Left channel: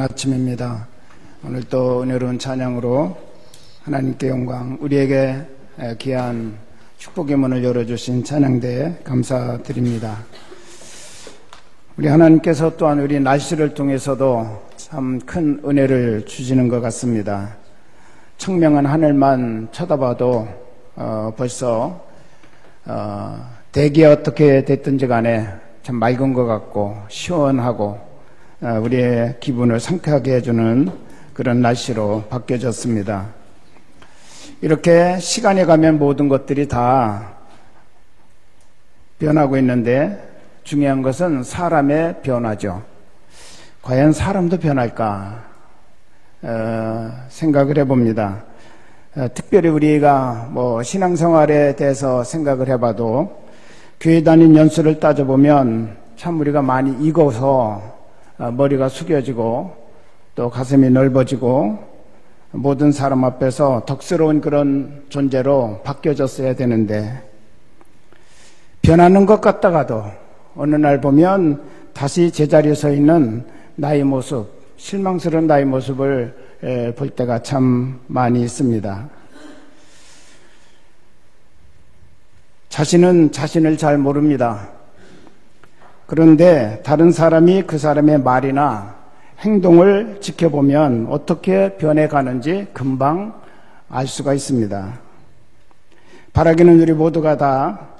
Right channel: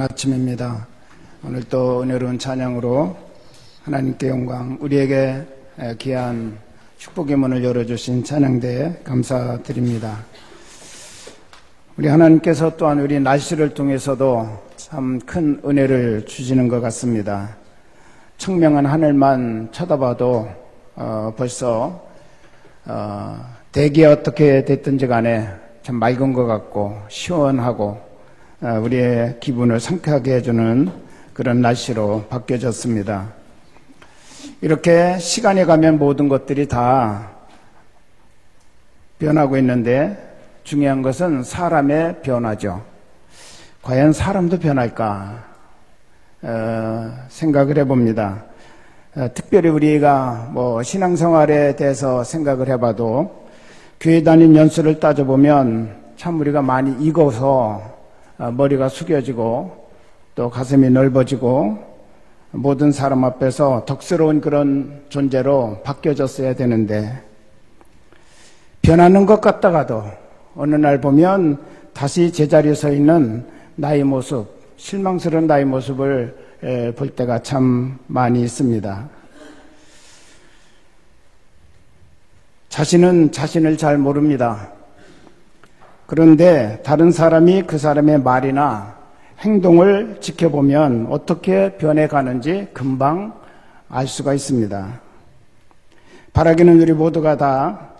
아침입니다. 오늘 또 은혜로운 찬양으로 하나님께 영광, 우리에게 귀한 축복의 문을 열어주신 찬양대에 감사드립니다. 우리 하나님께서 또한 우리 날씨를 통해서도 참 큰 은혜를 주시는 것 같습니다. 청명한 하늘만 쳐다봐도 벌써 대기가 어떻게 됐든지 간에 참 맑은 것 같고 시원하고 우리의 기분을 상쾌하게 해주는 그런 날씨로 바뀌어졌습니다. 이렇게 시간이 가면 모든 것들이 다 변하고 있는데 중요한 것은 사람의 변화죠. 과연 사람도 변할까 생각을 해봅니다. 특별히 우리가 신앙생활에 대해서 생각을 해봐도 교회 다닌 연수를 따져보면 참 우리가 많이 익어서 머리가 숙여지고 또 가슴이 넓어지고 모든 사람 앞에서 덕스러운 그런 존재로 바뀌어졌어야 되는데 변하는 것 같다가도 어느 날 보면 다시 제자리에 서 있는 나의 모습, 실망스러운 나의 모습을 볼 때가 참 많이 있습니다. 자신은 자신을 잘 모릅니다. 그런데 다른 사람이 그 사람의 말이나 행동을 지켜보면 어떻게 변해가는지 금방 알 수가 있습니다. 바라기는 우리 모두가 다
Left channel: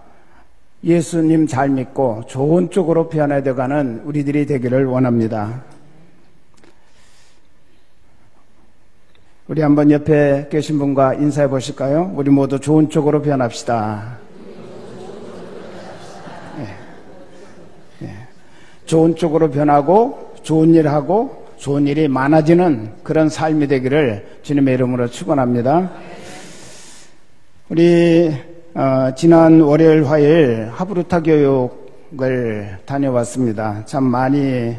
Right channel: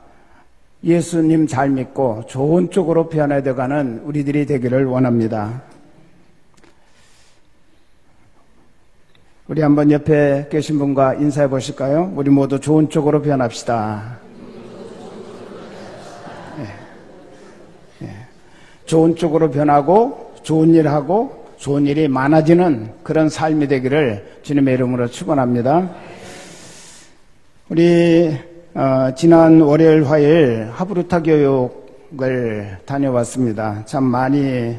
예수님 잘 믿고 좋은 쪽으로 변해가는 우리들이 되기를 원합니다. 우리 한번 옆에 계신 분과 인사해 보실까요? 우리 모두 좋은 쪽으로 변합시다. 좋은 쪽으로 변하고 좋은 일 하고 좋은 일이 많아지는 그런 삶이 되기를 주님의 이름으로 축원합니다. 우리 지난 월요일 화요일 하브루타 교육을 다녀왔습니다. 참 많이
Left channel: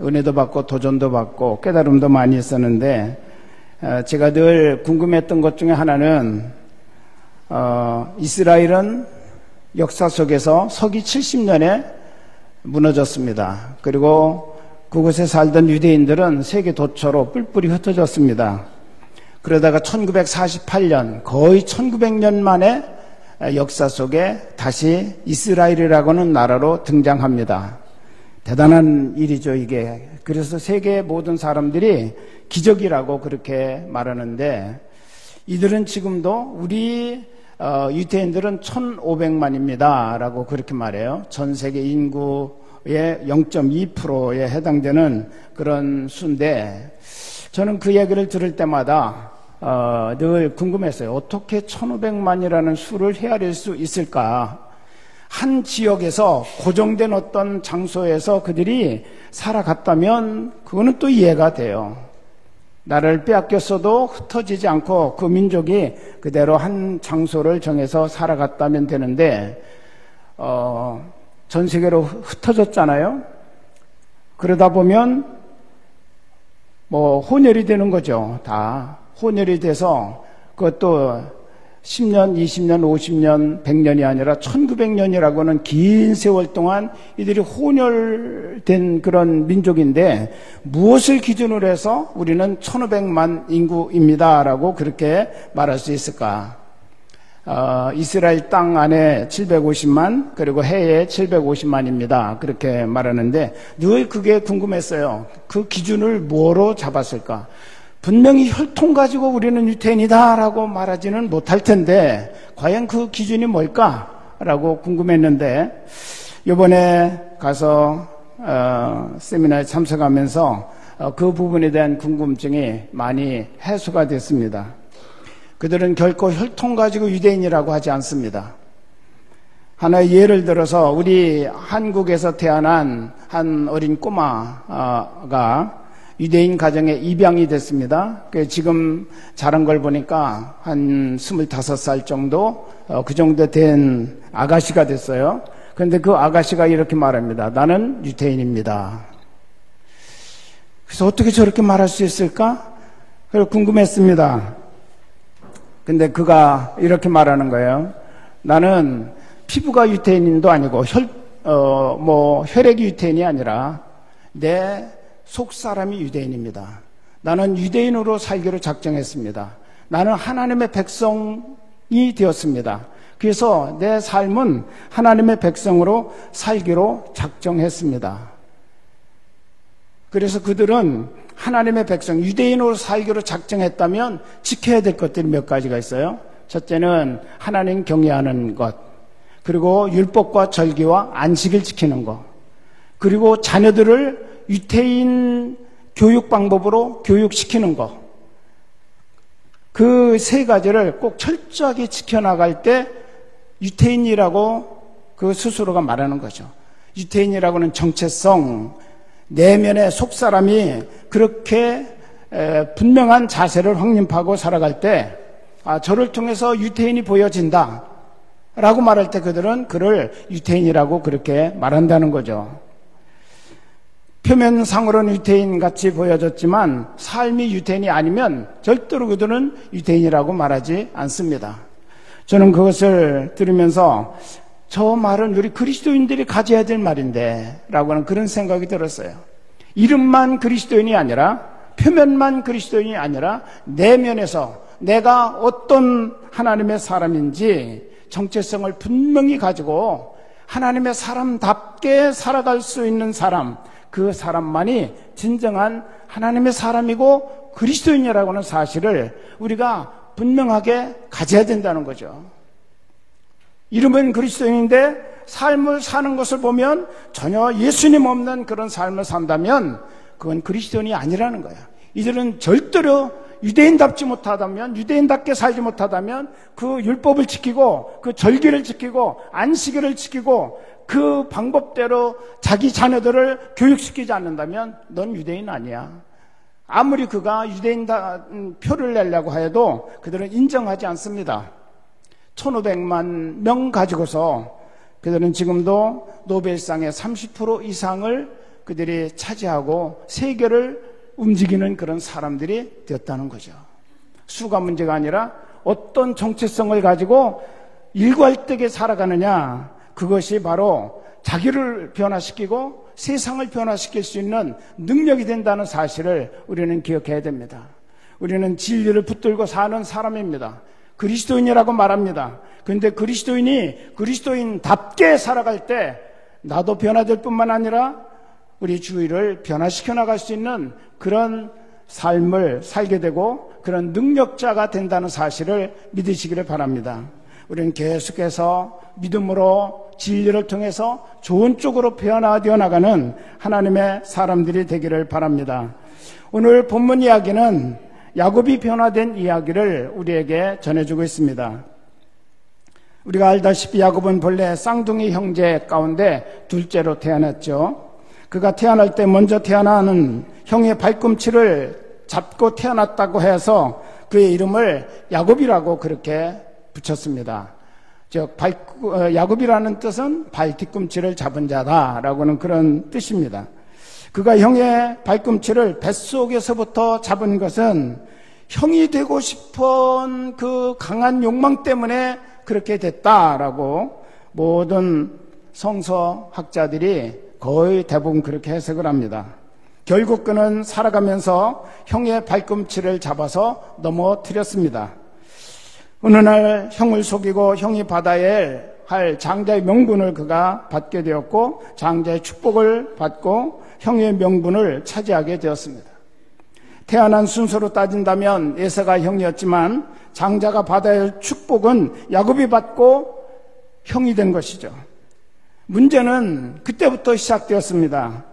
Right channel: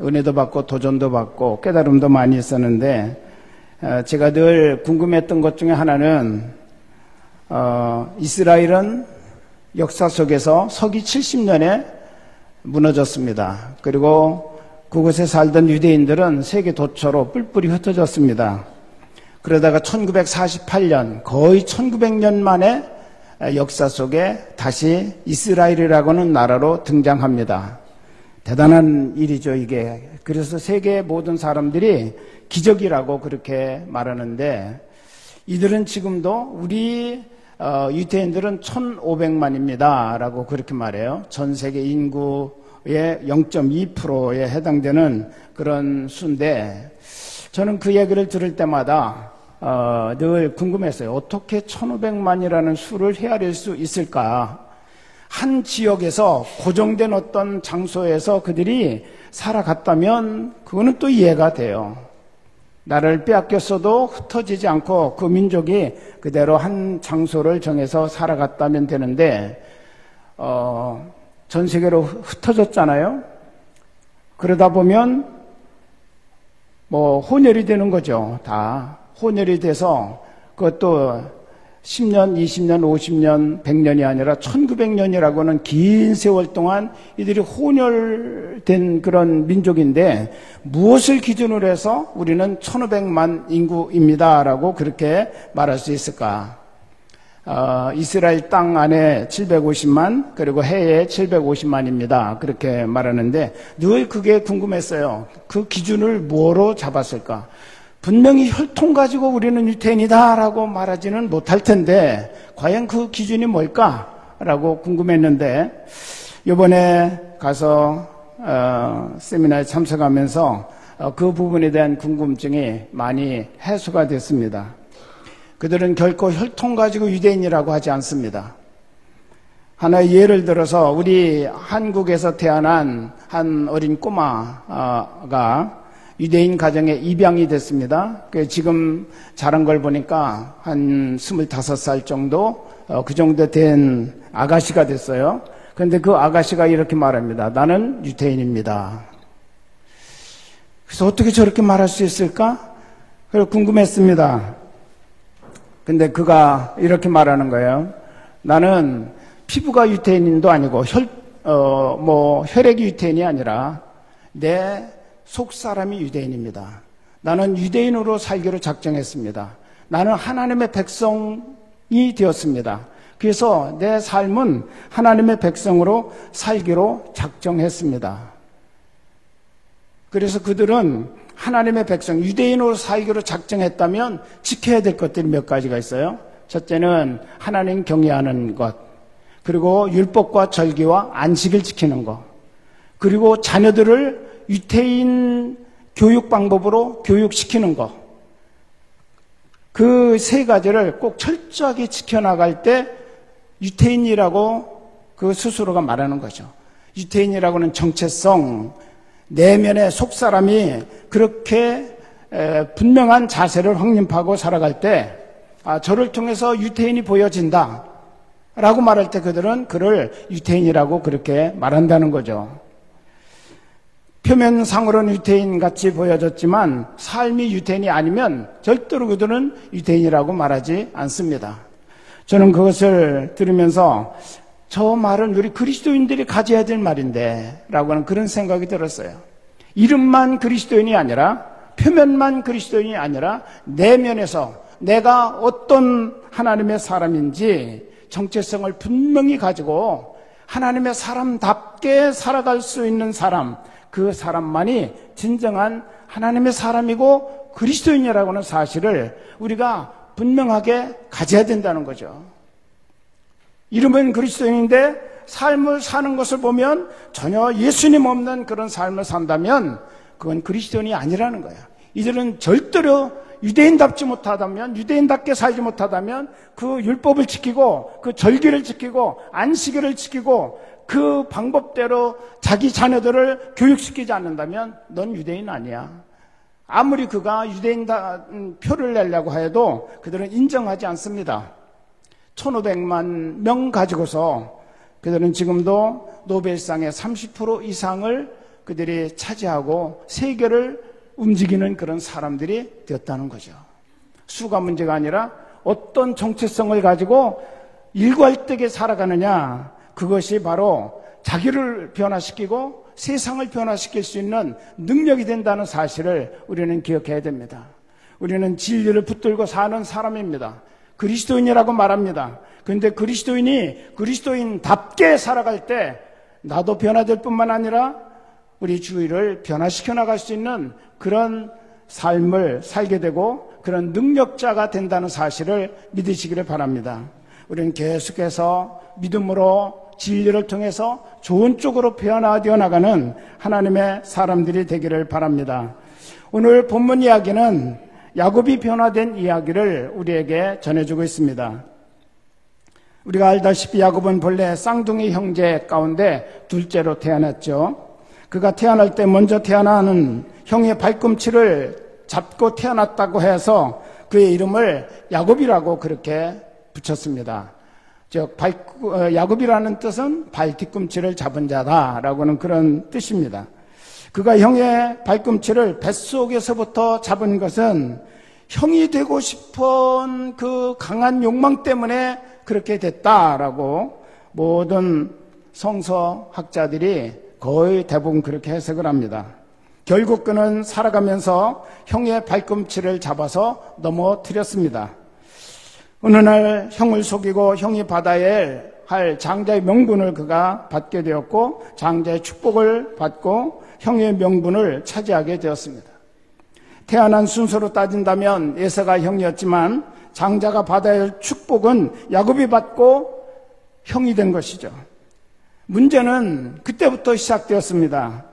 은혜도 받고 도전도 받고 깨달음도 많이 있었는데 제가 늘 궁금했던 것 중에 하나는 이스라엘은 역사 속에서 서기 70년에 무너졌습니다. 그리고 그곳에 살던 유대인들은 세계 도처로 뿔뿔이 흩어졌습니다. 그러다가 1948년 거의 1900년 만에 역사 속에 다시 이스라엘이라고는 나라로 등장합니다. 대단한 일이죠, 이게. 그래서 세계 모든 사람들이 기적이라고 그렇게 말하는데 이들은 지금도 우리 유대인들은 1500만입니다 라고 그렇게 말해요. 전 세계 인구의 0.2%에 해당되는 그런 수인데 저는 그 얘기를 들을 때마다 늘 궁금했어요. 어떻게 1500만이라는 수를 헤아릴 수 있을까? 한 지역에서 고정된 어떤 장소에서 그들이 살아갔다면 그거는 또 이해가 돼요. 나라를 빼앗겼어도 흩어지지 않고 그 민족이 그대로 한 장소를 정해서 살아갔다면 되는데 전 세계로 흩어졌잖아요. 그러다 보면 혼혈이 되는 거죠. 다 혼혈이 돼서 그것도 10년, 20년, 50년, 100년이 아니라 1900년이라고는 긴 세월 동안 이들이 혼혈된 그런 민족인데 무엇을 기준으로 해서 우리는 1500만 인구입니다 라고 그렇게 말할 수 있을까? 이스라엘 땅 안에 750만 그리고 해에 750만입니다 그렇게 말하는데 늘 그게 궁금했어요. 그 기준을 뭐로 잡았을까? 분명히 혈통 가지고 우리는 유태인이다 라고 말하지는 못할 텐데 과연 그 기준이 뭘까라고 궁금했는데 이번에 가서 세미나에 참석하면서 그 부분에 대한 궁금증이 많이 해소가 됐습니다. 그들은 결코 혈통 가지고 유대인이라고 하지 않습니다. 하나의 예를 들어서 우리 한국에서 태어난 한 어린 꼬마가 유대인 가정에 입양이 됐습니다. 지금 자란 걸 보니까 한 25살 정도, 그 정도 된 아가씨가 됐어요. 그런데 그 아가씨가 이렇게 말합니다. 나는 유대인입니다. 그래서 어떻게 저렇게 말할 수 있을까? 궁금했습니다. 근데 그가 이렇게 말하는 거예요. 나는 피부가 유태인도 아니고 혈액이 유태인이 아니라 내 속 사람이 유대인입니다. 나는 유대인으로 살기로 작정했습니다. 나는 하나님의 백성이 되었습니다. 그래서 내 삶은 하나님의 백성으로 살기로 작정했습니다. 그래서 그들은 하나님의 백성, 유대인으로 살기로 작정했다면 지켜야 될 것들이 몇 가지가 있어요. 첫째는 하나님 경외하는 것, 그리고 율법과 절기와 안식을 지키는 것, 그리고 자녀들을 유대인 교육 방법으로 교육시키는 것. 그 세 가지를 꼭 철저하게 지켜나갈 때 유대인이라고 그 스스로가 말하는 거죠. 유대인이라고는 정체성, 내면의 속사람이 그렇게 분명한 자세를 확립하고 살아갈 때 저를 통해서 유대인이 보여진다 라고 말할 때 그들은 그를 유대인이라고 그렇게 말한다는 거죠. 표면상으로는 유대인같이 보여졌지만 삶이 유대인이 아니면 절대로 그들은 유대인이라고 말하지 않습니다. 저는 그것을 들으면서 저 말은 우리 그리스도인들이 가져야 될 말인데 라고 하는 그런 생각이 들었어요. 이름만 그리스도인이 아니라, 표면만 그리스도인이 아니라 내면에서 내가 어떤 하나님의 사람인지 정체성을 분명히 가지고 하나님의 사람답게 살아갈 수 있는 사람, 그 사람만이 진정한 하나님의 사람이고 그리스도인이라고 하는 사실을 우리가 분명하게 가져야 된다는 거죠. 이름은 그리스도인인데 삶을 사는 것을 보면 전혀 예수님 없는 그런 삶을 산다면 그건 그리스도인이 아니라는 거예요. 이들은 절대로 유대인답지 못하다면, 유대인답게 살지 못하다면 그 율법을 지키고 그 절기를 지키고 안식일을 지키고 그 방법대로 자기 자녀들을 교육시키지 않는다면 넌 유대인 아니야. 아무리 그가 유대인 표를 내려고 해도 그들은 인정하지 않습니다. 1500만 명 가지고서 그들은 지금도 노벨상의 30% 이상을 그들이 차지하고 세계를 움직이는 그런 사람들이 됐다는 거죠. 수가 문제가 아니라 어떤 정체성을 가지고 일괄되게 살아가느냐, 그것이 바로 자기를 변화시키고 세상을 변화시킬 수 있는 능력이 된다는 사실을 우리는 기억해야 됩니다. 우리는 진리를 붙들고 사는 사람입니다. 그리스도인이라고 말합니다. 그런데 그리스도인이 그리스도인답게 살아갈 때 나도 변화될 뿐만 아니라 우리 주위를 변화시켜 나갈 수 있는 그런 삶을 살게 되고 그런 능력자가 된다는 사실을 믿으시기를 바랍니다. 우리는 계속해서 믿음으로 진리를 통해서 좋은 쪽으로 변화되어 나가는 하나님의 사람들이 되기를 바랍니다. 오늘 본문 이야기는 야곱이 변화된 이야기를 우리에게 전해주고 있습니다. 우리가 알다시피 야곱은 본래 쌍둥이 형제 가운데 둘째로 태어났죠. 그가 태어날 때 먼저 태어나는 형의 발꿈치를 잡고 태어났다고 해서 그의 이름을 야곱이라고 그렇게 붙였습니다. 즉 야곱이라는 뜻은 발 뒤꿈치를 잡은 자다라고는 그런 뜻입니다. 그가 형의 발꿈치를 뱃속에서부터 잡은 것은 형이 되고 싶은 그 강한 욕망 때문에 그렇게 됐다라고 모든 성서학자들이 거의 대부분 그렇게 해석을 합니다. 결국 그는 살아가면서 형의 발꿈치를 잡아서 넘어뜨렸습니다. 어느 날 형을 속이고 형이 받아야 할 장자의 명분을 그가 받게 되었고 장자의 축복을 받고 형의 명분을 차지하게 되었습니다. 태어난 순서로 따진다면 에서가 형이었지만 장자가 받아야 할 축복은 야곱이 받고 형이 된 것이죠. 문제는 그때부터 시작되었습니다.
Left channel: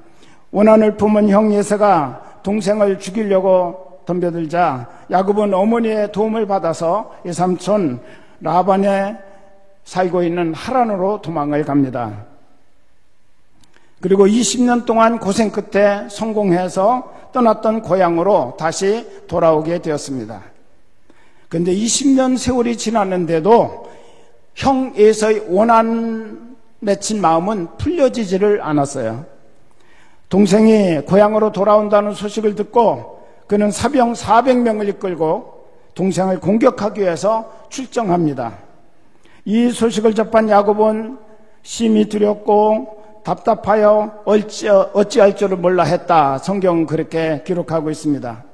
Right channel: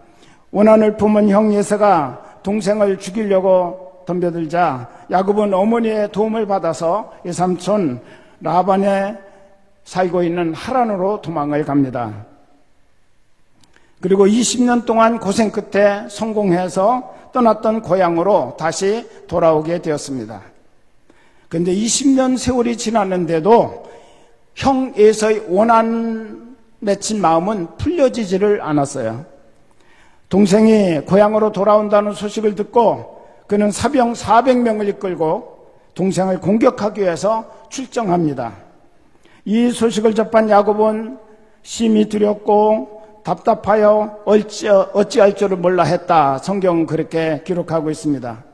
원한을 품은 형 에서가 동생을 죽이려고 덤벼들자 야곱은 어머니의 도움을 받아서 외삼촌 라반에 살고 있는 하란으로 도망을 갑니다. 그리고 20년 동안 고생 끝에 성공해서 떠났던 고향으로 다시 돌아오게 되었습니다. 그런데 20년 세월이 지났는데도 형 에서의 원한 맺힌 마음은 풀려지지를 않았어요. 동생이 고향으로 돌아온다는 소식을 듣고 그는 사병 400명을 이끌고 동생을 공격하기 위해서 출정합니다. 이 소식을 접한 야곱은 심히 두렵고 답답하여 어찌할 줄을 몰라 했다. 성경 그렇게 기록하고 있습니다.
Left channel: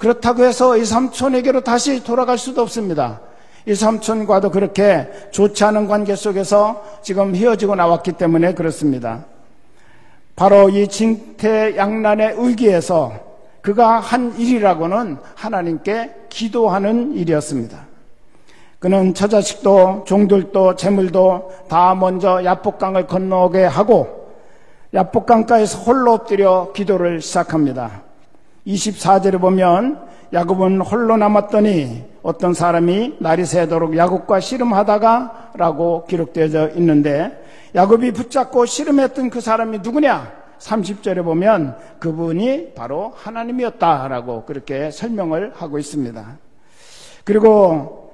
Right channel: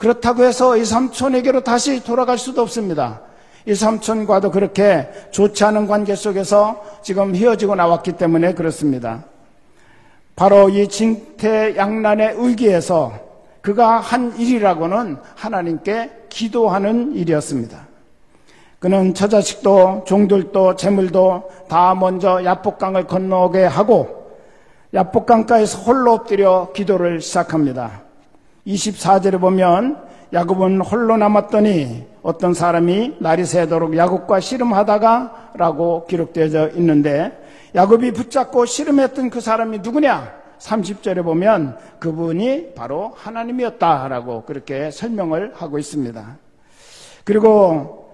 그렇다고 해서 이 삼촌에게로 다시 돌아갈 수도 없습니다. 이 삼촌과도 그렇게 좋지 않은 관계 속에서 지금 헤어지고 나왔기 때문에 그렇습니다. 바로 이 징태양난에 의기해서 그가 한 일이라고는 하나님께 기도하는 일이었습니다. 그는 처자식도 종들도 재물도 다 먼저 야복강을 건너게 하고 야복강가에서 홀로 엎드려 기도를 시작합니다. 24절에 보면 야곱은 홀로 남았더니 어떤 사람이 날이 새도록 야곱과 씨름하다가 라고 기록되어 있는데 야곱이 붙잡고 씨름했던 그 사람이 누구냐? 30절에 보면 그분이 바로 하나님이었다라고 그렇게 설명을 하고 있습니다. 그리고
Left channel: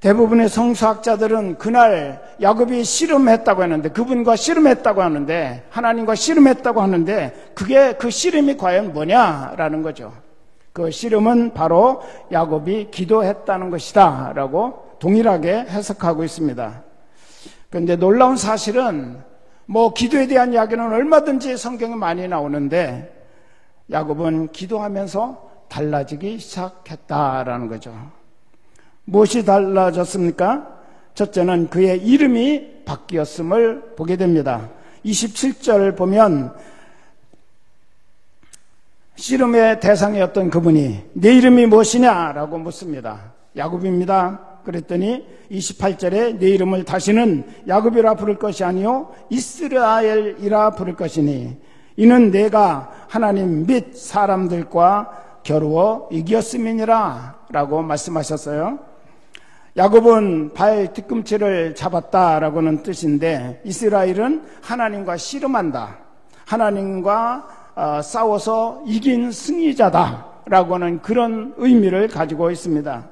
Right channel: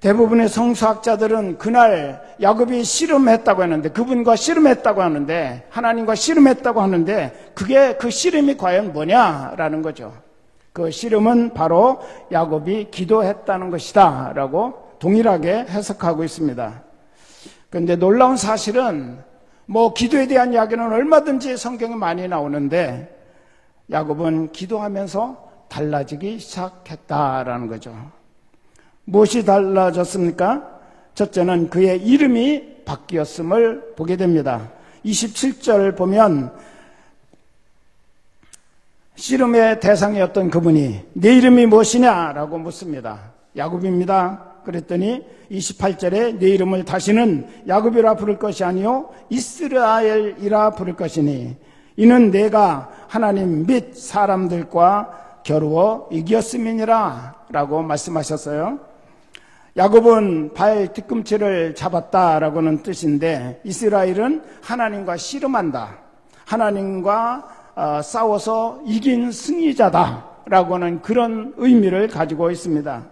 대부분의 성서학자들은 그날 야곱이 씨름했다고 하는데 그분과 씨름했다고 하는데 하나님과 씨름했다고 하는데 그게 그 씨름이 과연 뭐냐라는 거죠. 그 씨름은 바로 야곱이 기도했다는 것이다 라고 동일하게 해석하고 있습니다. 그런데 놀라운 사실은 기도에 대한 이야기는 얼마든지 성경에 많이 나오는데 야곱은 기도하면서 달라지기 시작했다라는 거죠. 무엇이 달라졌습니까? 첫째는 그의 이름이 바뀌었음을 보게 됩니다. 27절 보면 씨름의 대상이었던 그분이 내 이름이 무엇이냐라고 묻습니다. 야곱입니다. 그랬더니 28절에 내 이름을 다시는 야곱이라 부를 것이 아니요 이스라엘이라 부를 것이니 이는 내가 하나님 및 사람들과 겨루어 이겼음이니라 라고 말씀하셨어요. 야곱은 발 뒤꿈치를 잡았다라고는 뜻인데 이스라엘은 하나님과 씨름한다. 하나님과 싸워서 이긴 승리자다라고는 그런 의미를 가지고 있습니다.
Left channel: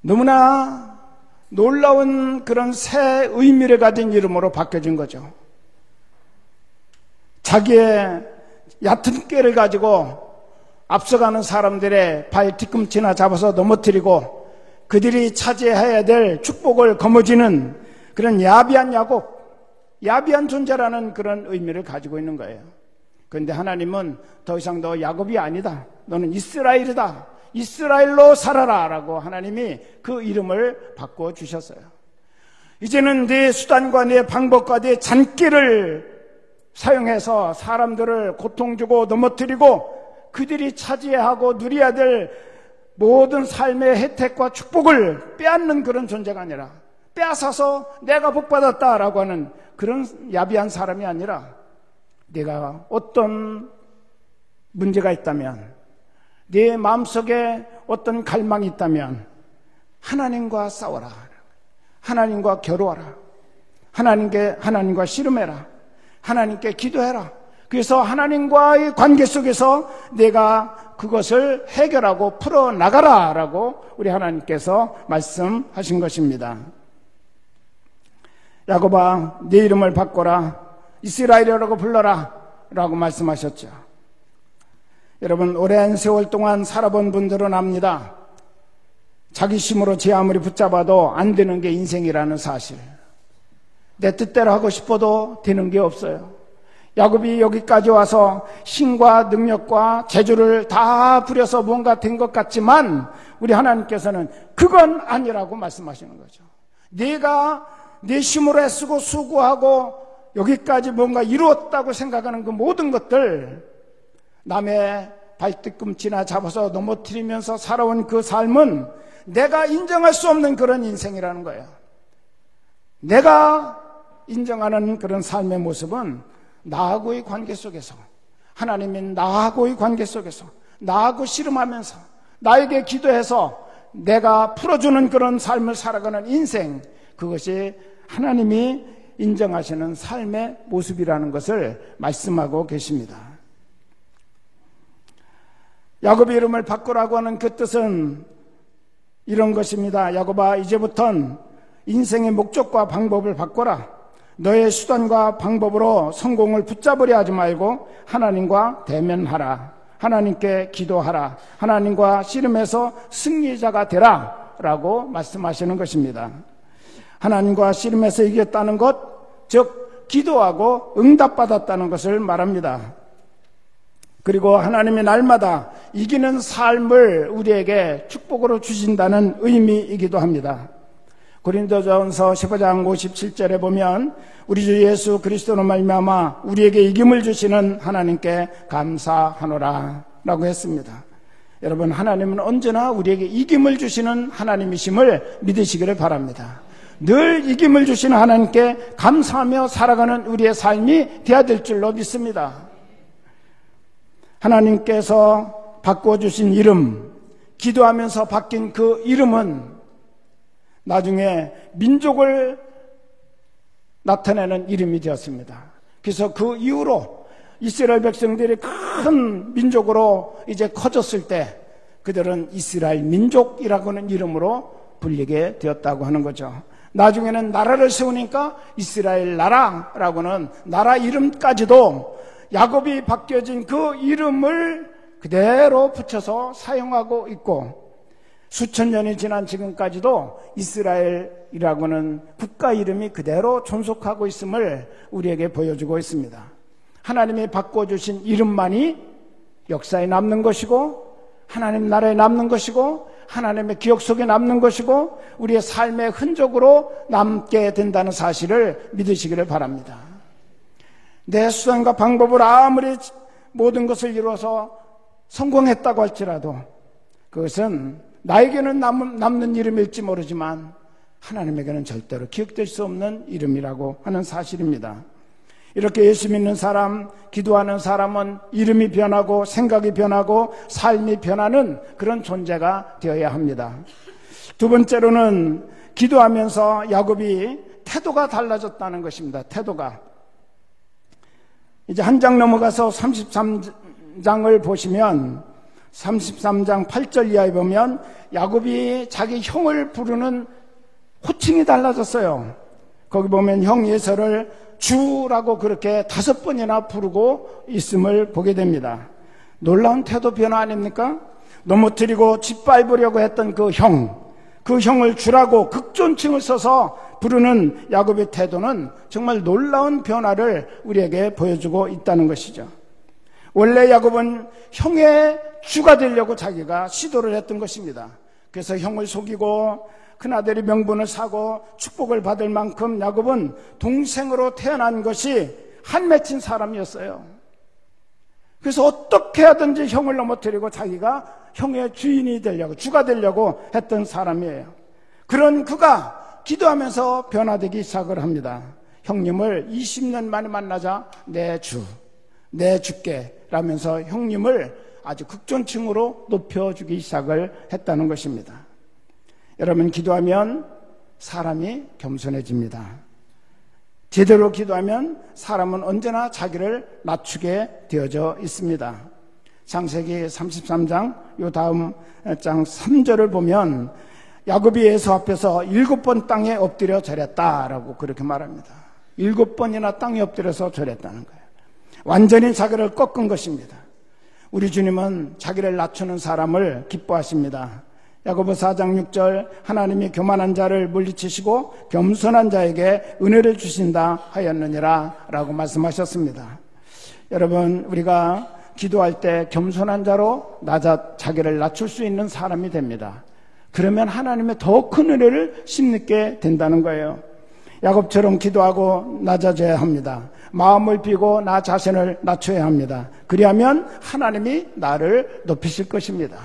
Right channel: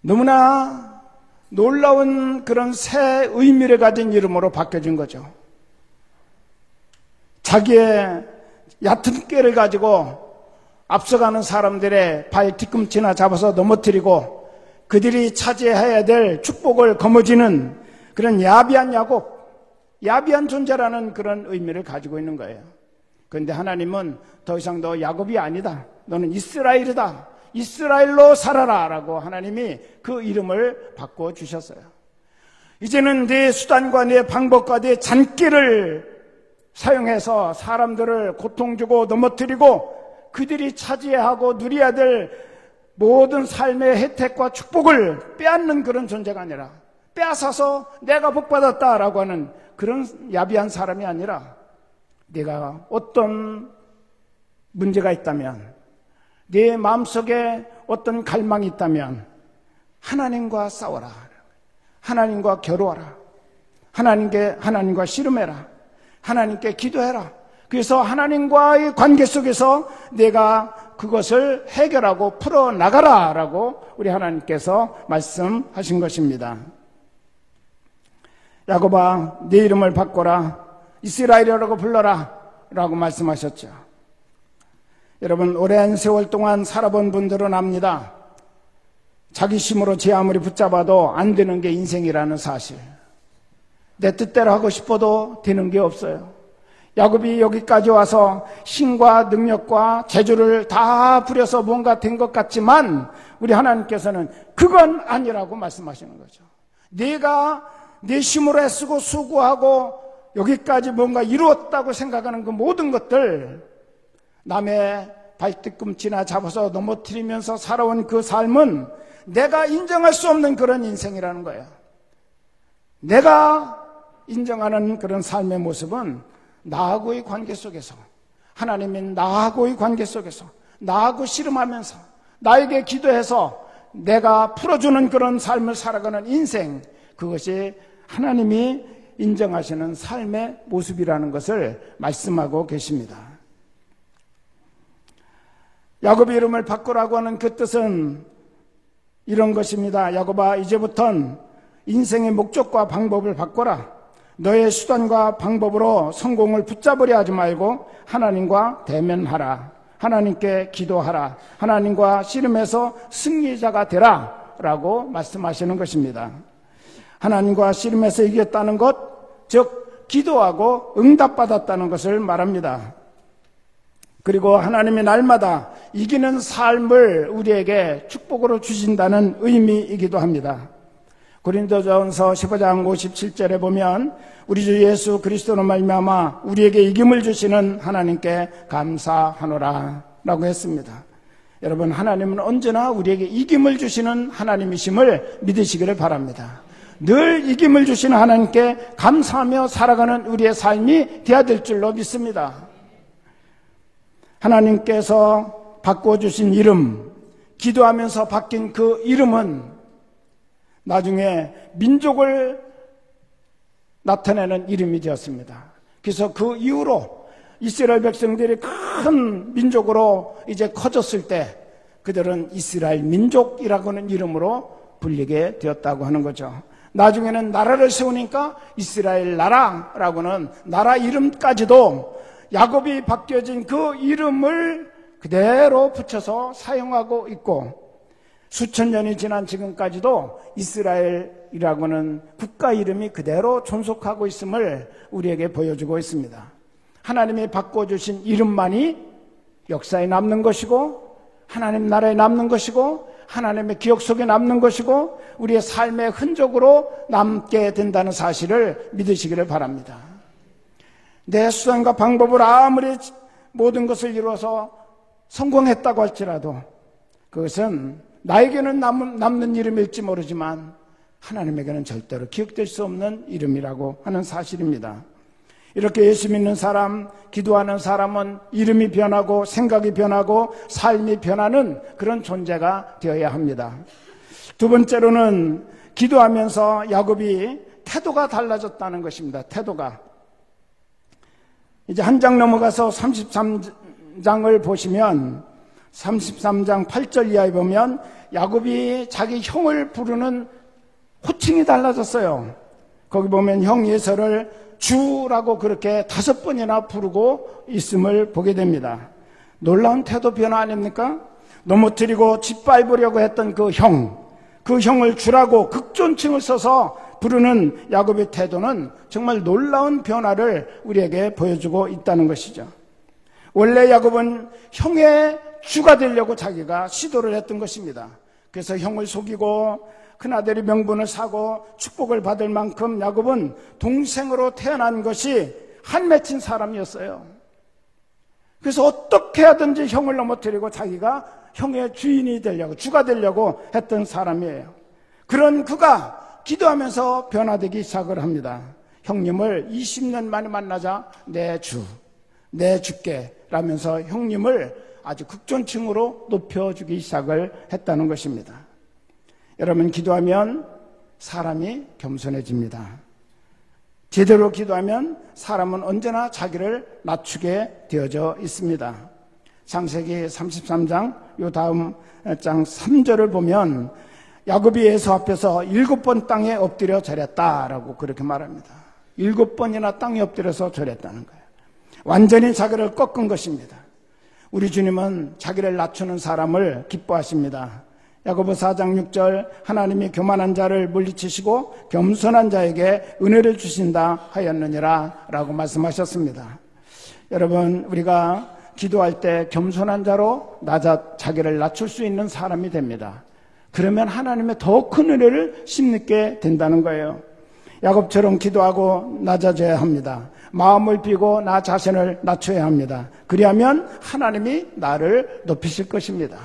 너무나 놀라운 그런 새 의미를 가진 이름으로 바뀌어진 거죠. 자기의 얕은 꾀를 가지고 앞서가는 사람들의 발 뒤꿈치나 잡아서 넘어뜨리고 그들이 차지해야 될 축복을 거머쥐는 그런 야비한 야곱, 야비한 존재라는 그런 의미를 가지고 있는 거예요. 그런데 하나님은 더 이상 너 야곱이 아니다. 너는 이스라엘이다. 이스라엘로 살아라 라고 하나님이 그 이름을 바꿔주셨어요. 이제는 네 수단과 네 방법과 네 잔꾀를 사용해서 사람들을 고통 주고 넘어뜨리고 그들이 차지해야 하고 누려야 될 모든 삶의 혜택과 축복을 빼앗는 그런 존재가 아니라 빼앗아서 내가 복받았다라고 하는 그런 야비한 사람이 아니라 내가 어떤 문제가 있다면 네 마음속에 어떤 갈망이 있다면 하나님과 싸워라. 하나님과 겨루어라. 하나님과 씨름해라. 하나님께 기도해라. 그래서 하나님과의 관계 속에서 내가 그것을 해결하고 풀어나가라 라고 우리 하나님께서 말씀하신 것입니다. 야곱아 네 이름을 바꿔라. 이스라엘이라고 불러라 라고 말씀하셨죠. 여러분 오랜 세월 동안 살아본 분들은 압니다. 자기 힘으로 제 아무리 붙잡아도 안 되는 게 인생이라는 사실. 내 뜻대로 하고 싶어도 되는 게 없어요. 야곱이 여기까지 와서 힘과 능력과 재주를 다 부려서 뭔가 된 것 같지만 우리 하나님께서는 그건 아니라고 말씀하시는 거죠. 내가 내 힘으로 애쓰고 수고하고 여기까지 뭔가 이루었다고 생각하는 그 모든 것들 남의 발뒤꿈치나 잡아서 넘어뜨리면서 살아온 그 삶은 내가 인정할 수 없는 그런 인생이라는 거예요. 내가 인정하는 그런 삶의 모습은 나하고의 관계 속에서 하나님은 나하고의 관계 속에서 나하고 씨름하면서 나에게 기도해서 내가 풀어주는 그런 삶을 살아가는 인생, 그것이 하나님이 인정하시는 삶의 모습이라는 것을 말씀하고 계십니다. 야곱의 이름을 바꾸라고 하는 그 뜻은 이런 것입니다. 야곱아 이제부턴 인생의 목적과 방법을 바꿔라. 너의 수단과 방법으로 성공을 붙잡으려 하지 말고 하나님과 대면하라. 하나님께 기도하라. 하나님과 씨름해서 승리자가 되라 라고 말씀하시는 것입니다. 하나님과 씨름해서 이겼다는 것, 즉 기도하고 응답받았다는 것을 말합니다. 그리고 하나님이 날마다 이기는 삶을 우리에게 축복으로 주신다는 의미이기도 합니다. 고린도전서 15장 57절에 보면 우리 주 예수 그리스도로 말미암아 우리에게 이김을 주시는 하나님께 감사하노라 라고 했습니다. 여러분, 하나님은 언제나 우리에게 이김을 주시는 하나님이심을 믿으시기를 바랍니다. 늘 이김을 주시는 하나님께 감사하며 살아가는 우리의 삶이 되어야 될 줄로 믿습니다. 하나님께서 바꿔주신 이름, 기도하면서 바뀐 그 이름은 나중에 민족을 나타내는 이름이 되었습니다. 그래서 그 이후로 이스라엘 백성들이 큰 민족으로 이제 커졌을 때 그들은 이스라엘 민족이라고 하는 이름으로 불리게 되었다고 하는 거죠. 나중에는 나라를 세우니까 이스라엘 나라라고는 나라 이름까지도 야곱이 바뀌어진 그 이름을 그대로 붙여서 사용하고 있고, 수천 년이 지난 지금까지도 이스라엘이라고는 국가 이름이 그대로 존속하고 있음을 우리에게 보여주고 있습니다. 하나님이 바꿔주신 이름만이 역사에 남는 것이고, 하나님 나라에 남는 것이고, 하나님의 기억 속에 남는 것이고, 우리의 삶의 흔적으로 남게 된다는 사실을 믿으시기를 바랍니다. 내 수단과 방법을 아무리 모든 것을 이루어서 성공했다고 할지라도 그것은 나에게는 남는 이름일지 모르지만 하나님에게는 절대로 기억될 수 없는 이름이라고 하는 사실입니다. 이렇게 예수 믿는 사람, 기도하는 사람은 이름이 변하고 생각이 변하고 삶이 변하는 그런 존재가 되어야 합니다. 두 번째로는 기도하면서 야곱이 태도가 달라졌다는 것입니다. 태도가. 이제 한 장 넘어가서 33장을 보시면 33장 8절 이하에 보면 야곱이 자기 형을 부르는 호칭이 달라졌어요. 거기 보면 형 에서를 주라고 그렇게 5번이나 부르고 있음을 보게 됩니다. 놀라운 태도 변화 아닙니까? 넘어뜨리고 짓밟으려고 했던 그 형을 주라고 극존칭을 써서 부르는 야곱의 태도는 정말 놀라운 변화를 우리에게 보여주고 있다는 것이죠. 원래 야곱은 형의 주가 되려고 자기가 시도를 했던 것입니다. 그래서 형을 속이고 큰아들이 명분을 사고 축복을 받을 만큼 야곱은 동생으로 태어난 것이 한맺힌 사람이었어요. 그래서 어떻게 하든지 형을 넘어뜨리고 자기가 형의 주인이 되려고, 주가 되려고 했던 사람이에요. 그런 그가 기도하면서 변화되기 시작을 합니다. 형님을 20년 만에 만나자 내 주께 라면서 형님을 아주 극존칭으로 높여주기 시작을 했다는 것입니다. 여러분, 기도하면 사람이 겸손해집니다. 제대로 기도하면 사람은 언제나 자기를 낮추게 되어져 있습니다. 창세기 33장 요 다음 장 3절을 보면 야곱이 에서 앞에서 7번 땅에 엎드려 절했다라고 그렇게 말합니다. 7번이나 땅에 엎드려서 절했다는 거예요. 완전히 자기를 꺾은 것입니다. 우리 주님은 자기를 낮추는 사람을 기뻐하십니다. 야고보서 4장 6절 하나님이 교만한 자를 물리치시고 겸손한 자에게 은혜를 주신다 하였느니라 라고 말씀하셨습니다. 여러분, 우리가 기도할 때 겸손한 자로 자기를 낮출 수 있는 사람이 됩니다. 그러면 하나님의 더 큰 은혜를 심느게 된다는 거예요. 야곱처럼 기도하고 낮아져야 합니다. 마음을 비고 나 자신을 낮춰야 합니다. 그리하면 하나님이 나를 높이실 것입니다.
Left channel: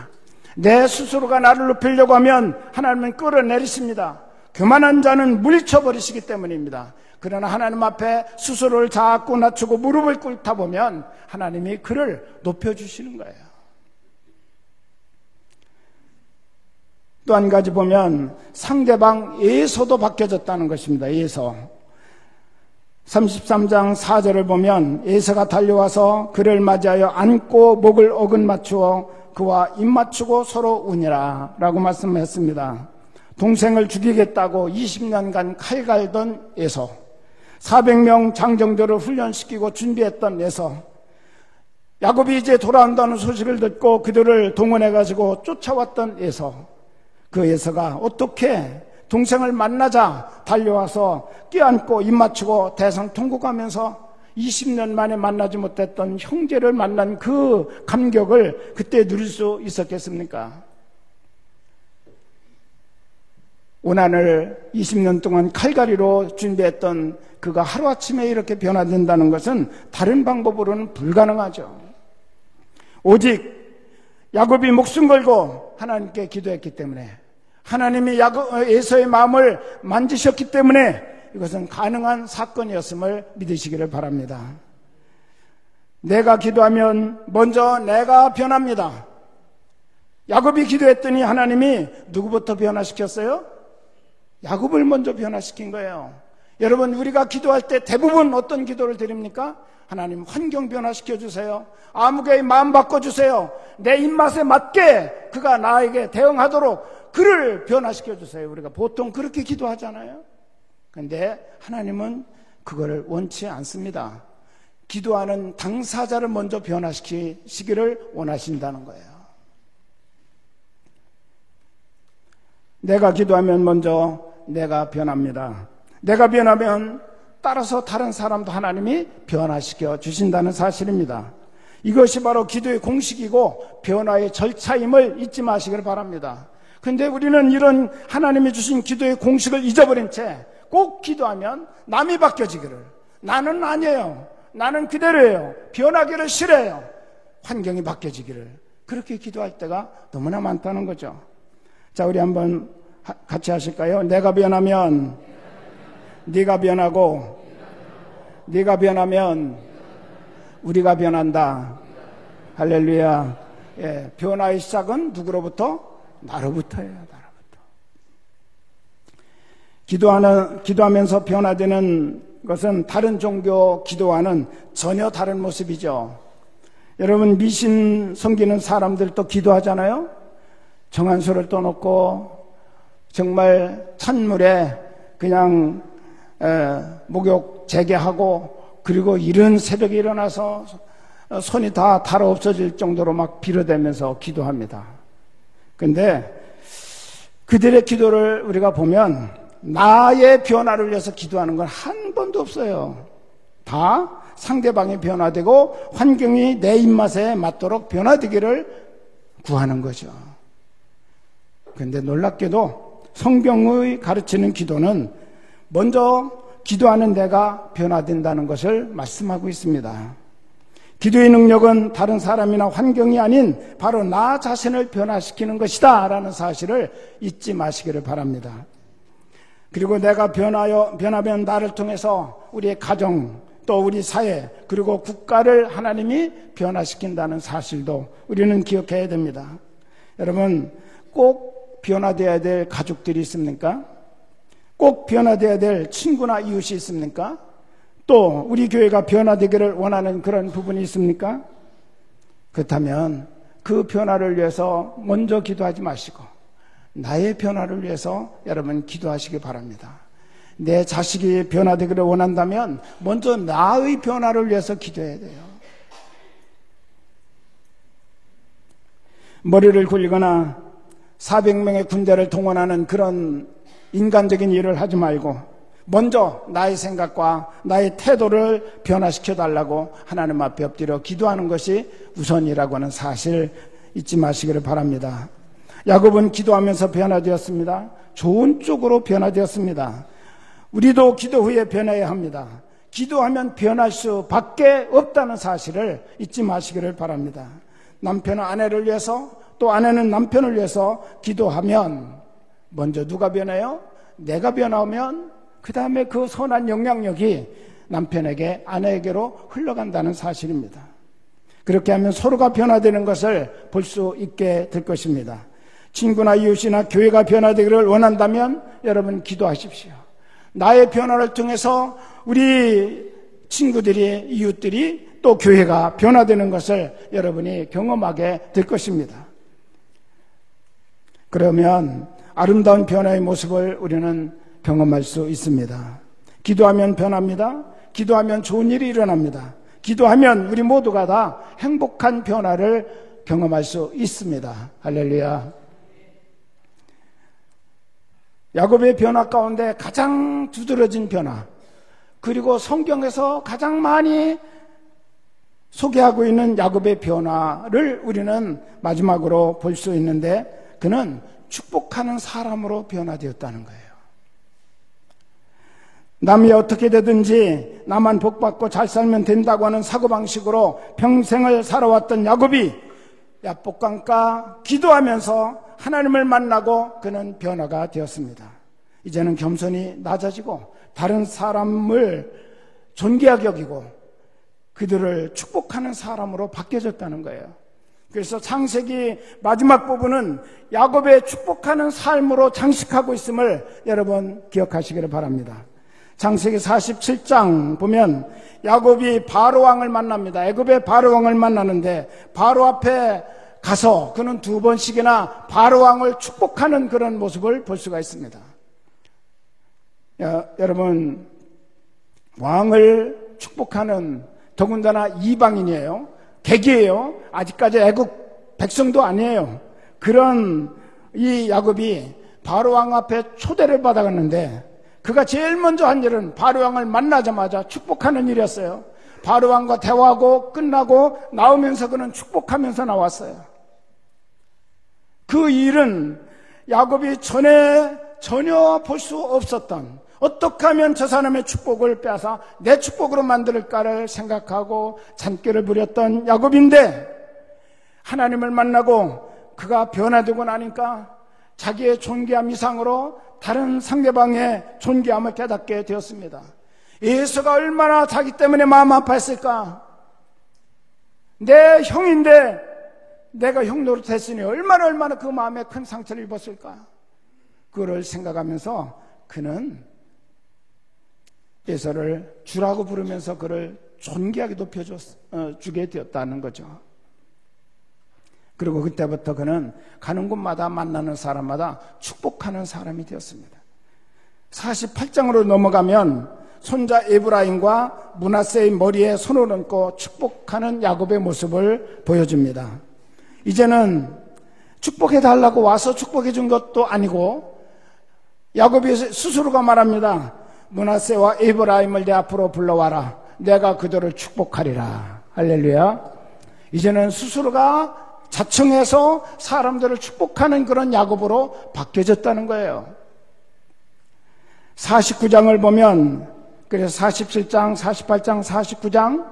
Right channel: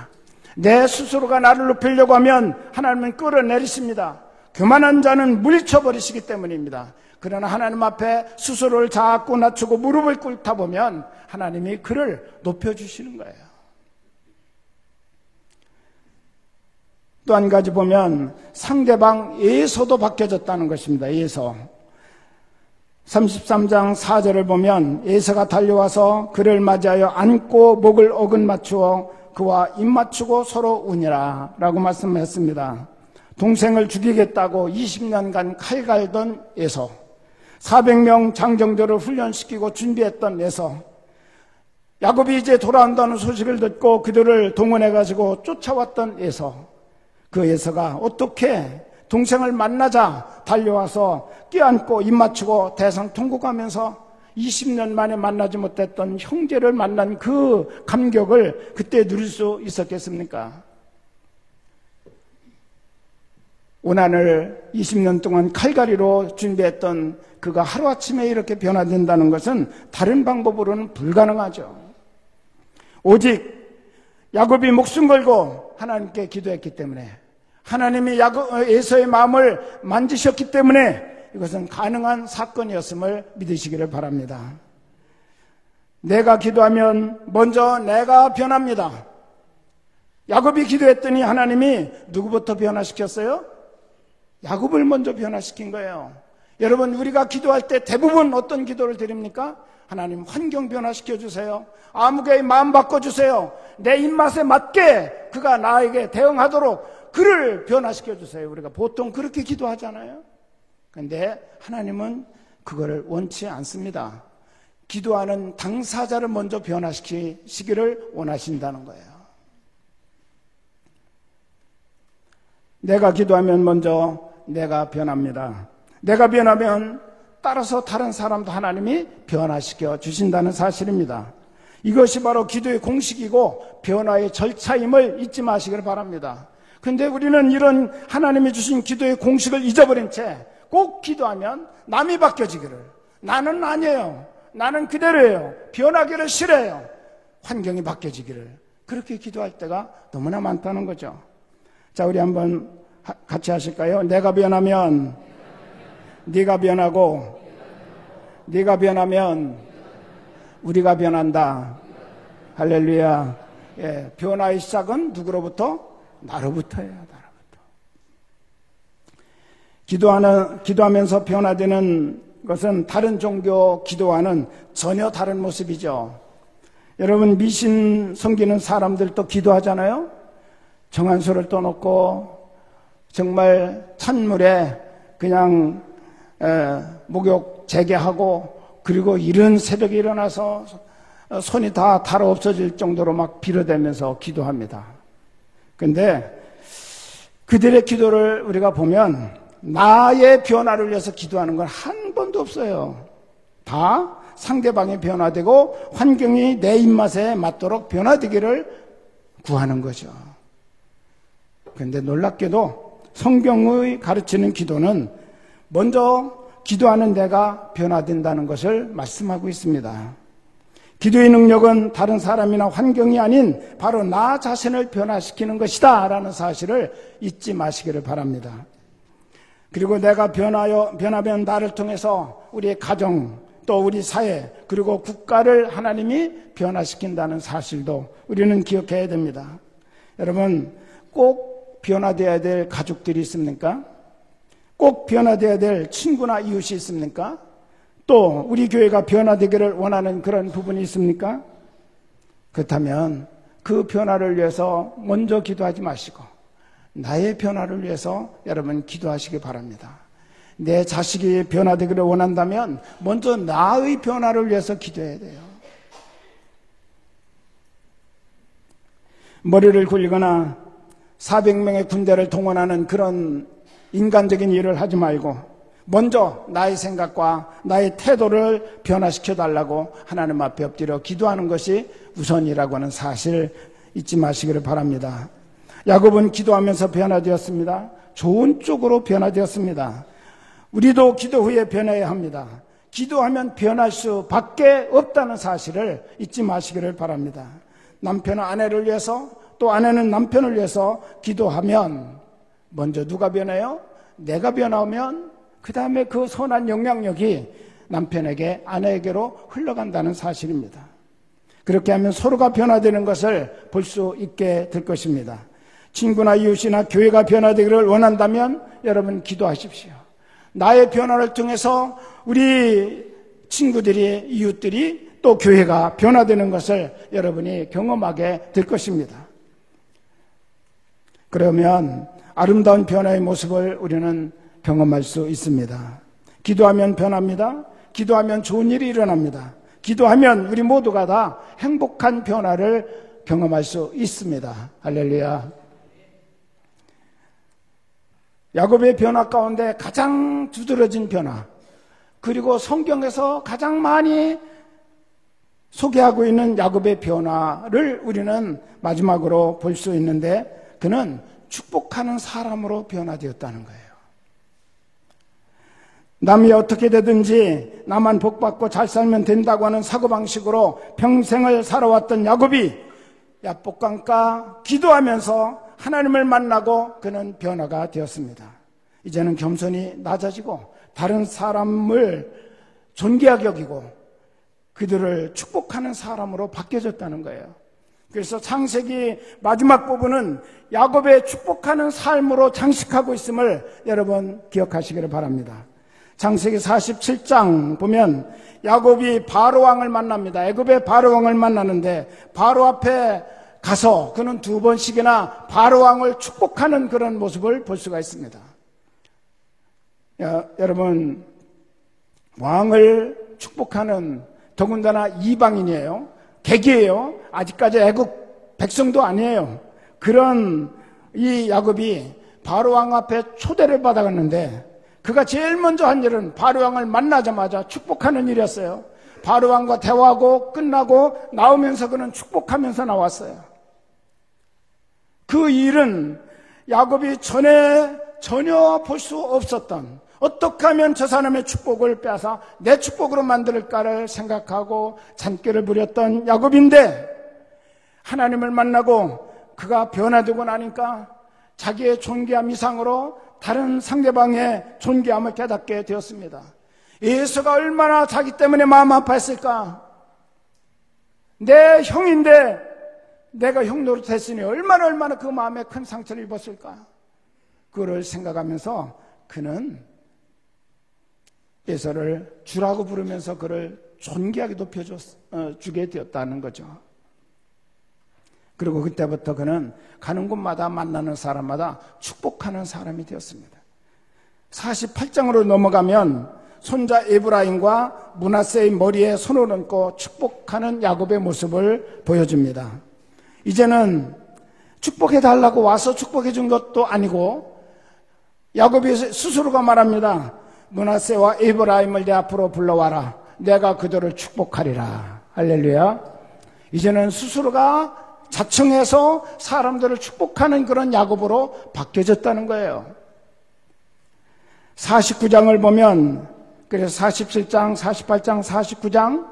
내 스스로가 나를 높이려고 하면 하나님은 끌어내리십니다. 교만한 자는 물리쳐버리시기 때문입니다. 그러나 하나님 앞에 스스로를 자꾸 낮추고 무릎을 꿇다 보면 하나님이 그를 높여주시는 거예요. 또 한 가지 보면 상대방 에서도 바뀌어졌다는 것입니다. 에서. 33장 4절을 보면 에서가 달려와서 그를 맞이하여 안고 목을 어긋 맞추어 그와 입 맞추고 서로 우니라 라고 말씀했습니다. 동생을 죽이겠다고 20년간 칼 갈던 에서, 400명 장정들을 훈련시키고 준비했던 에서, 야곱이 이제 돌아온다는 소식을 듣고 그들을 동원해가지고 쫓아왔던 에서, 그 에서가 어떻게 동생을 만나자 달려와서 껴안고 입 맞추고 대성통곡하면서 20년 만에 만나지 못했던 형제를 만난 그 감격을 그때 누릴 수 있었겠습니까? 고난을 20년 동안 칼갈이로 준비했던 그가 하루아침에 이렇게 변화된다는 것은 다른 방법으로는 불가능하죠. 오직 야곱이 목숨 걸고 하나님께 기도했기 때문에, 하나님이 에서의 마음을 만지셨기 때문에 이것은 가능한 사건이었음을 믿으시기를 바랍니다. 내가 기도하면 먼저 내가 변합니다. 야곱이 기도했더니 하나님이 누구부터 변화시켰어요? 야곱을 먼저 변화시킨 거예요. 여러분, 우리가 기도할 때 대부분 어떤 기도를 드립니까? 하나님, 환경 변화시켜 주세요. 아무개의 마음 바꿔주세요. 내 입맛에 맞게 그가 나에게 대응하도록 그를 변화시켜 주세요. 우리가 보통 그렇게 기도하잖아요. 그런데 하나님은 그거를 원치 않습니다. 기도하는 당사자를 먼저 변화시키시기를 원하신다는 거예요. 내가 기도하면 먼저 내가 변합니다. 내가 변하면 따라서 다른 사람도 하나님이 변화시켜 주신다는 사실입니다. 이것이 바로 기도의 공식이고 변화의 절차임을 잊지 마시길 바랍니다. 그런데 우리는 이런 하나님이 주신 기도의 공식을 잊어버린 채 꼭 기도하면 남이 바뀌어지기를, 나는 아니에요, 나는 그대로예요, 변하기를 싫어요, 환경이 바뀌어지기를, 그렇게 기도할 때가 너무나 많다는 거죠. 자, 우리 한번 같이 하실까요? 내가 변하면 네가 변하고, 네가 변하면 우리가 변한다. 할렐루야. 예, 변화의 시작은 누구로부터? 나로부터예요. 기도하면서 변화되는 것은 다른 종교 기도와는 전혀 다른 모습이죠. 여러분, 미신 섬기는 사람들도 기도하잖아요. 정한수를 떠놓고 정말 찬물에 그냥 목욕 재개하고, 그리고 이른 새벽에 일어나서 손이 다 달아 없어질 정도로 막 빌어대면서 기도합니다. 그런데 그들의 기도를 우리가 보면 나의 변화를 위해서 기도하는 건 한 번도 없어요. 다 상대방이 변화되고 환경이 내 입맛에 맞도록 변화되기를 구하는 거죠. 그런데 놀랍게도 성경의 가르치는 기도는 먼저 기도하는 내가 변화된다는 것을 말씀하고 있습니다. 기도의 능력은 다른 사람이나 환경이 아닌 바로 나 자신을 변화시키는 것이다 라는 사실을 잊지 마시기를 바랍니다. 그리고 내가 변하면 나를 통해서 우리의 가정, 또 우리 사회, 그리고 국가를 하나님이 변화시킨다는 사실도 우리는 기억해야 됩니다. 여러분, 꼭 변화되어야 될 가족들이 있습니까? 꼭 변화되어야 될 친구나 이웃이 있습니까? 또 우리 교회가 변화되기를 원하는 그런 부분이 있습니까? 그렇다면 그 변화를 위해서 먼저 기도하지 마시고 나의 변화를 위해서 여러분 기도하시기 바랍니다. 내 자식이 변화되기를 원한다면 먼저 나의 변화를 위해서 기도해야 돼요. 머리를 굴리거나 400명의 군대를 동원하는 그런 인간적인 일을 하지 말고 먼저 나의 생각과 나의 태도를 변화시켜달라고 하나님 앞에 엎드려 기도하는 것이 우선이라고 하는 사실 잊지 마시기를 바랍니다. 야곱은 기도하면서 변화되었습니다. 좋은 쪽으로 변화되었습니다. 우리도 기도 후에 변해야 합니다. 기도하면 변할 수밖에 없다는 사실을 잊지 마시기를 바랍니다. 남편은 아내를 위해서, 또 아내는 남편을 위해서 기도하면 먼저 누가 변해요? 내가 변하면 그 다음에 그 선한 영향력이 남편에게, 아내에게로 흘러간다는 사실입니다. 그렇게 하면 서로가 변화되는 것을 볼 수 있게 될 것입니다. 친구나 이웃이나 교회가 변화되기를 원한다면 여러분 기도하십시오. 나의 변화를 통해서 우리 친구들이, 이웃들이, 또 교회가 변화되는 것을 여러분이 경험하게 될 것입니다. 그러면 아름다운 변화의 모습을 우리는 경험할 수 있습니다. 기도하면 변합니다. 기도하면 좋은 일이 일어납니다. 기도하면 우리 모두가 다 행복한 변화를 경험할 수 있습니다. 할렐루야. 야곱의 변화 가운데 가장 두드러진 변화, 그리고 성경에서 가장 많이 소개하고 있는 야곱의 변화를 우리는 마지막으로 볼 수 있는데, 그는 축복하는 사람으로 변화되었다는 거예요. 남이 어떻게 되든지 나만 복받고 잘 살면 된다고 하는 사고방식으로 평생을 살아왔던 야곱이 야복강가 기도하면서 하나님을 만나고 그는 변화가 되었습니다. 이제는 겸손히 낮아지고 다른 사람을 존귀하게 여기고 그들을 축복하는 사람으로 바뀌어졌다는 거예요. 그래서 창세기 마지막 부분은 야곱의 축복하는 삶으로 장식하고 있음을 여러분 기억하시기를 바랍니다. 창세기 47장 보면 야곱이 바로왕을 만납니다. 애굽의 바로왕을 만나는데 바로 앞에 가서 그는 2번씩이나 바로왕을 축복하는 그런 모습을 볼 수가 있습니다. 여러분, 왕을 축복하는, 더군다나 이방인이에요. 객이에요. 아직까지 애굽 백성도 아니에요. 그런 이 야곱이 바로왕 앞에 초대를 받아갔는데 그가 제일 먼저 한 일은 바로왕을 만나자마자 축복하는 일이었어요. 바로왕과 대화하고 끝나고 나오면서 그는 축복하면서 나왔어요. 그 일은 야곱이 전혀 볼 수 없었던, 어떻게 하면 저 사람의 축복을 빼앗아 내 축복으로 만들까를 생각하고 잔꾀를 부렸던 야곱인데, 하나님을 만나고 그가 변화되고 나니까 자기의 존귀함 이상으로 다른 상대방의 존귀함을 깨닫게 되었습니다. 에서가 얼마나 자기 때문에 마음 아파했을까? 내 형인데 내가 형 노릇했으니 얼마나 그 마음에 큰 상처를 입었을까? 그걸 생각하면서 그는 에서를 주라고 부르면서 그를 존귀하게 높여주게 되었다는 거죠. 그리고 그때부터 그는 가는 곳마다 만나는 사람마다 축복하는 사람이 되었습니다. 48장으로 넘어가면 손자 에브라임과 므낫세의 머리에 손을 얹고 축복하는 야곱의 모습을 보여줍니다. 이제는 축복해달라고 와서 축복해준 것도 아니고 야곱이 스스로가 말합니다. 므낫세와 에브라임을 내 앞으로 불러와라. 내가 그들을 축복하리라. 할렐루야. 이제는 스스로가 자청해서 사람들을 축복하는 그런 야곱으로 바뀌어졌다는 거예요. 49장을 보면, 그래서 47장, 48장, 49장,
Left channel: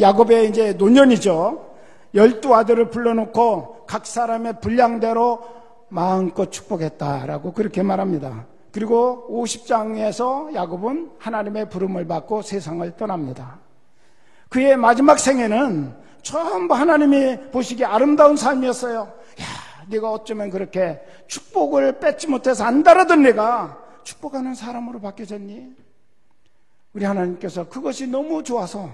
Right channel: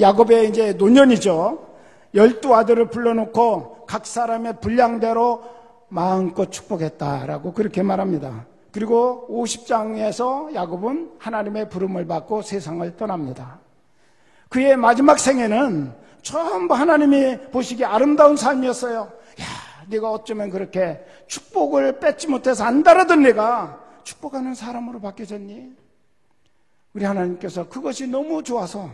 야곱의 이제 노년이죠. 12아들을 불러놓고 각 사람의 분량대로 마음껏 축복했다라고 그렇게 말합니다. 그리고 50장에서 야곱은 하나님의 부름을 받고 세상을 떠납니다. 그의 마지막 생애는 전부 하나님이 보시기에 아름다운 삶이었어요. 야, 네가 어쩌면 그렇게 축복을 뺏지 못해서 안 달아든 내가 축복하는 사람으로 바뀌어졌니? 우리 하나님께서 그것이 너무 좋아서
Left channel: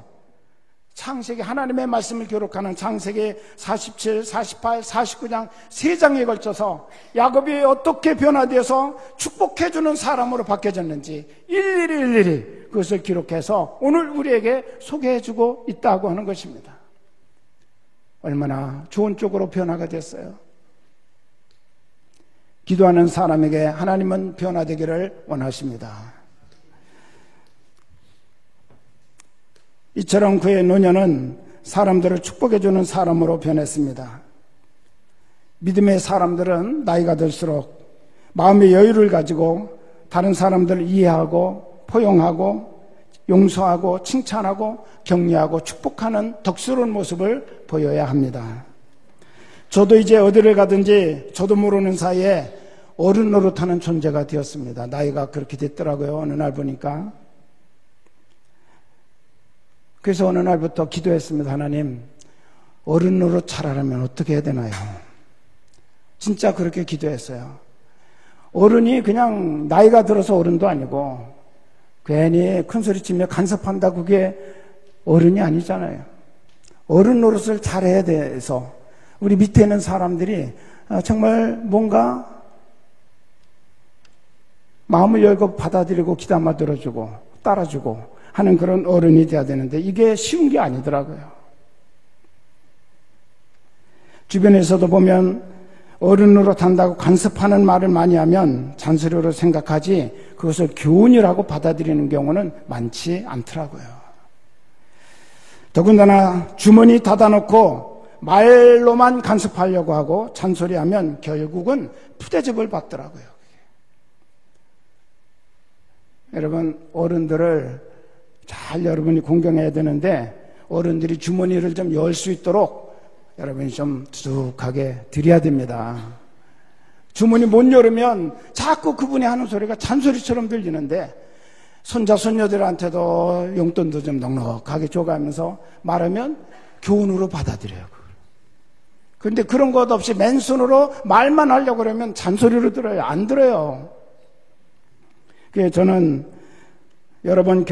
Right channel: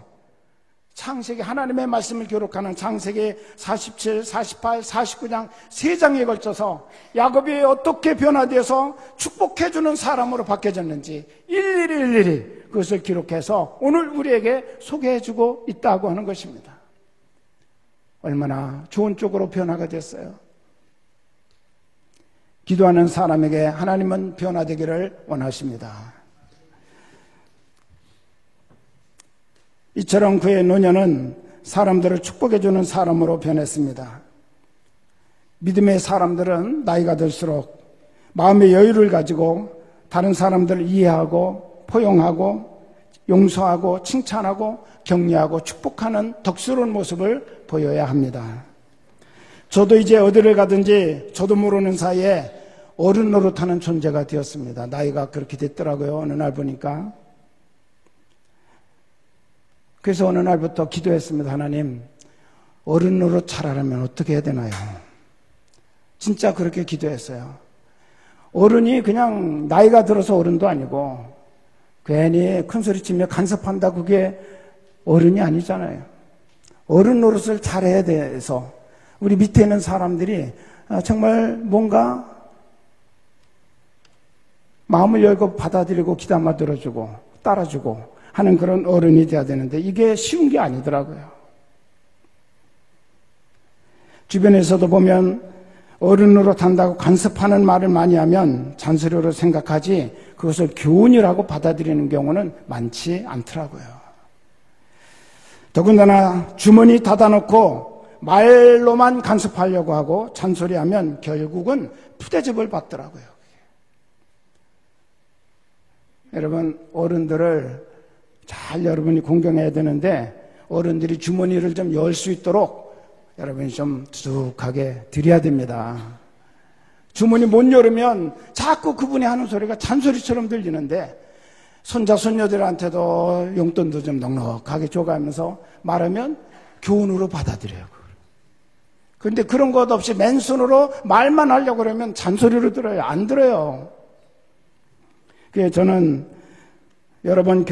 창세기, 하나님의 말씀을 기록하는 창세기 47, 48, 49장 3장에 걸쳐서 야곱이 어떻게 변화되어서 축복해주는 사람으로 바뀌어졌는지 일일이 그것을 기록해서 오늘 우리에게 소개해주고 있다고 하는 것입니다. 얼마나 좋은 쪽으로 변화가 됐어요. 기도하는 사람에게 하나님은 변화되기를 원하십니다. 이처럼 그의 노년은 사람들을 축복해주는 사람으로 변했습니다. 믿음의 사람들은 나이가 들수록 마음의 여유를 가지고 다른 사람들을 이해하고 포용하고 용서하고 칭찬하고 격려하고 축복하는 덕스러운 모습을 보여야 합니다. 저도 이제 어디를 가든지 저도 모르는 사이에 어른 노릇하는 존재가 되었습니다. 나이가 그렇게 됐더라고요. 어느 날 보니까. 그래서 어느 날부터 기도했습니다. 하나님, 어른 노릇 잘하려면 어떻게 해야 되나요? 진짜 그렇게 기도했어요. 어른이 그냥 나이가 들어서 어른도 아니고 괜히 큰소리치며 간섭한다, 그게 어른이 아니잖아요. 어른 노릇을 잘해야 돼서 우리 밑에 있는 사람들이 정말 뭔가 마음을 열고 받아들이고 귀담아 들어주고 따라주고 하는 그런 어른이 돼야 되는데 이게 쉬운 게 아니더라고요. 주변에서도 보면 어른으로 단다고 간섭하는 말을 많이 하면 잔소리로 생각하지 그것을 교훈이라고 받아들이는 경우는 많지 않더라고요. 더군다나 주머니 닫아놓고 말로만 간섭하려고 하고 잔소리하면 결국은 푸대접을 받더라고요. 여러분, 어른들을 잘 여러분이 공경해야 되는데 어른들이 주머니를 좀 열 수 있도록 여러분이 좀 두둑하게 드려야 됩니다. 주머니 못 열으면 자꾸 그분이 하는 소리가 잔소리처럼 들리는데 손자 손녀들한테도 용돈도 좀 넉넉하게 줘가면서 말하면 교훈으로 받아들여요. 그런데 그런 것 없이 맨손으로 말만 하려고 그러면 잔소리를 들어요. 안 들어요. 그래서 저는 여러 번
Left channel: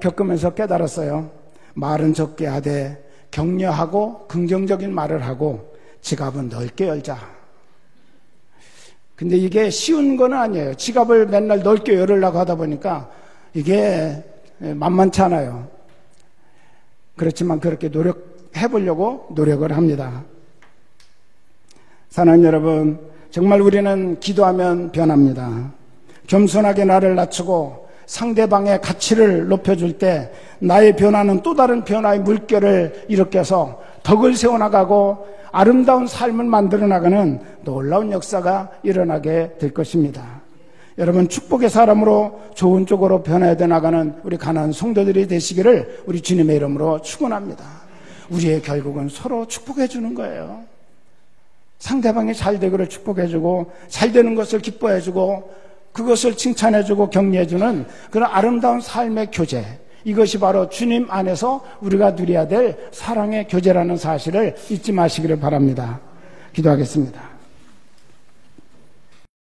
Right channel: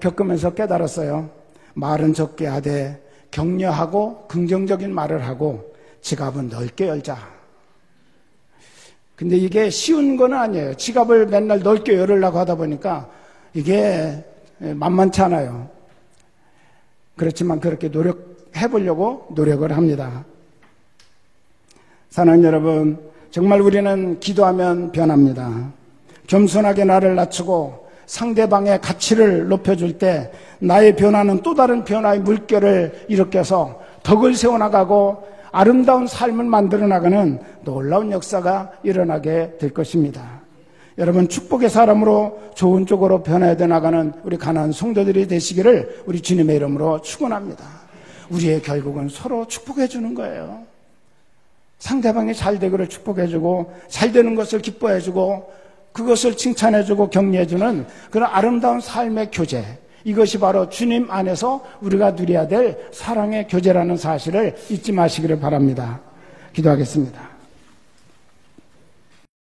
겪으면서 깨달았어요. 말은 적게 하되 격려하고 긍정적인 말을 하고 지갑은 넓게 열자. 근데 이게 쉬운 건 아니에요. 지갑을 맨날 넓게 열으려고 하다 보니까 이게 만만치 않아요. 그렇지만 그렇게 노력해보려고 노력을 합니다. 사랑하는 여러분, 정말 우리는 기도하면 변합니다. 겸손하게 나를 낮추고 상대방의 가치를 높여줄 때 나의 변화는 또 다른 변화의 물결을 일으켜서 덕을 세워나가고 아름다운 삶을 만들어 나가는 놀라운 역사가 일어나게 될 것입니다. 여러분, 축복의 사람으로 좋은 쪽으로 변화되어 나가는 우리 가난한 성도들이 되시기를 우리 주님의 이름으로 축원합니다. 우리의 결국은 서로 축복해 주는 거예요. 상대방이 잘 되기를 축복해 주고 잘 되는 것을 기뻐해 주고 그것을 칭찬해주고 격려해주는 그런 아름다운 삶의 교제, 이것이 바로 주님 안에서 우리가 누려야 될 사랑의 교제라는 사실을 잊지 마시기를 바랍니다. 기도하겠습니다.